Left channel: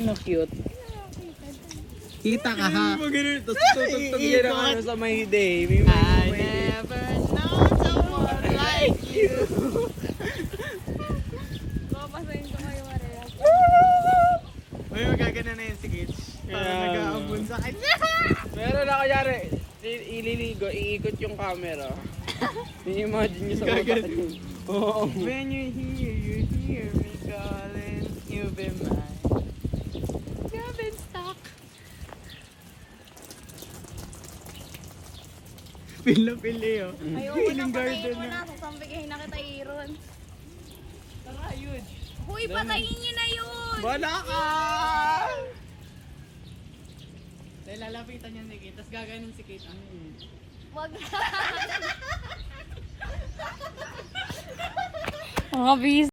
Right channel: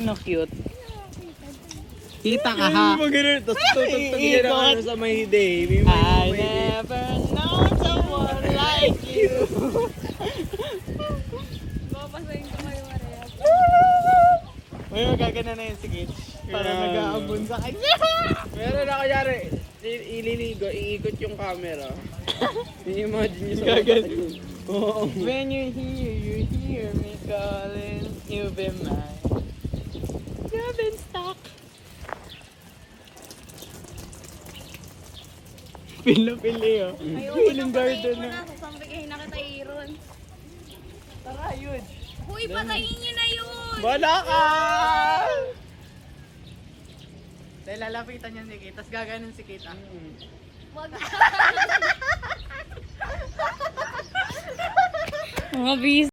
Ano cute? Kita ka ha. Tapos tutugtog yan ang ano sa may day. May I may day. never know someone like you. Babasahin ko kayo, Maria. Ngayon, gagana na yun si Gitch. Kaya nag-aabun sa kanya. Pero nakayari, ililigo, iikot yung camera. I-imagine nyo sa utak nyo. Oo. When you hear me calling, you've been mine. You've been stuck. Feel na feel eh. Ayoko na, patayin mo na. Sasambigahin na kita, Aaron. Tara, yun. Huy, patayin niyo na yun! Wala ka! Dahil lalapitan niya si Kate, tapos gaganon si Kate. Wag. Mga bis.